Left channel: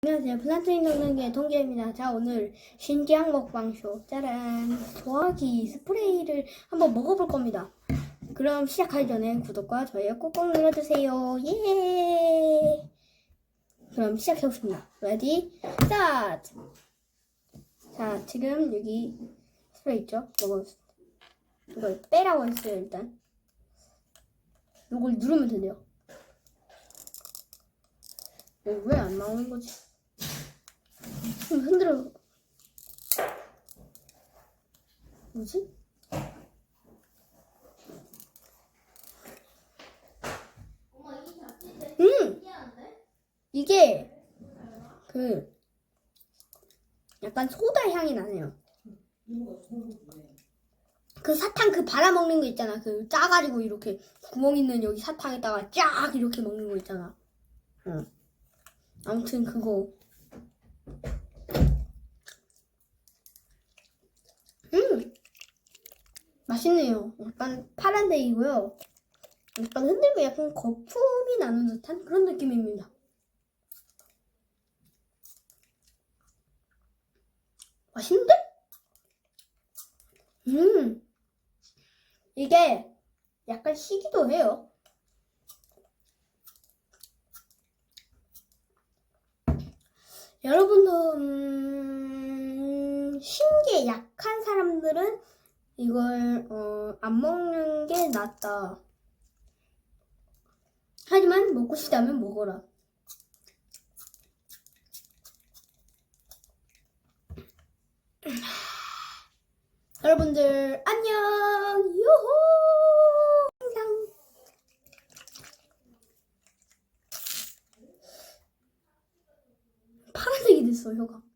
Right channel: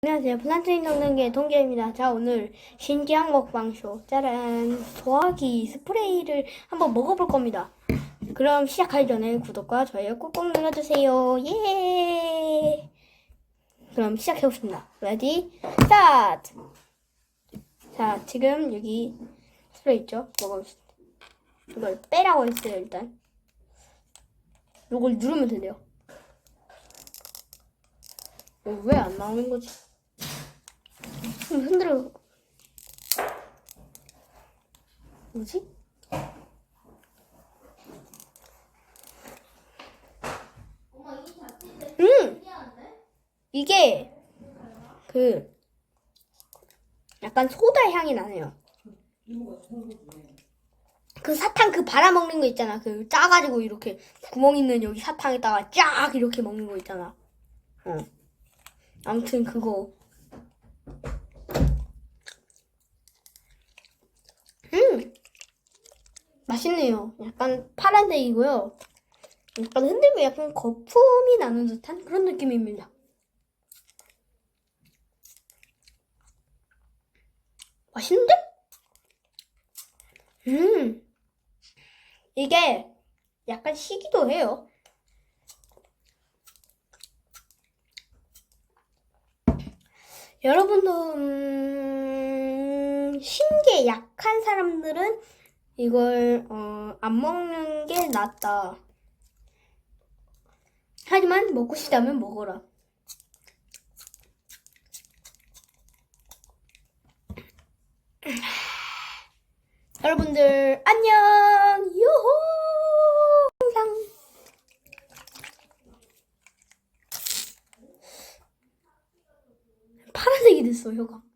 안녕하세요. 플란트인 동생의 동계입니다. 자, 오늘 신기한 먹방쇼. 짜란. 소화기 스프레이를 한번 먹어볼 겁니다. 그럼 시작하기 전에 구독과 좋아요 꾹꾹 눌러주세요. 예! 그럼 시작해보겠습니다. 레디, 스타트! 자, 지금 여기 스프레이 있죠? 먹어보겠습니다. 이걸 빼라고 했어요, 일단. 이걸 누르면 된대요. 어, 왜안 나오는 거지? 좀 흔들어. 뭐지? 음! 이게 그 약간 소다 향이 나네요. 그 사탕 그 발라 먹는 거 있잖아. 그 짜가지고 이렇게 구멍 있는 여기 사탕에다가 쫙 이렇게 먹는 거 있잖아. 어. 아무튼 그거. 음! 맛있네요. 약간 파란색이고요. 약간 흔들면 약간 거품이 나는 듯한 그런 느낌입니다. 맛있는데? 음! 이게 약간 시기도 해요. 여러분도 음, 신게 약한 사람들은 이걸 어, 안 먹는 게 낫다. 하지만 먹고 싶다면 먹어라. 여러분들 안녕. 유호. 파란색이 됐어 혀가.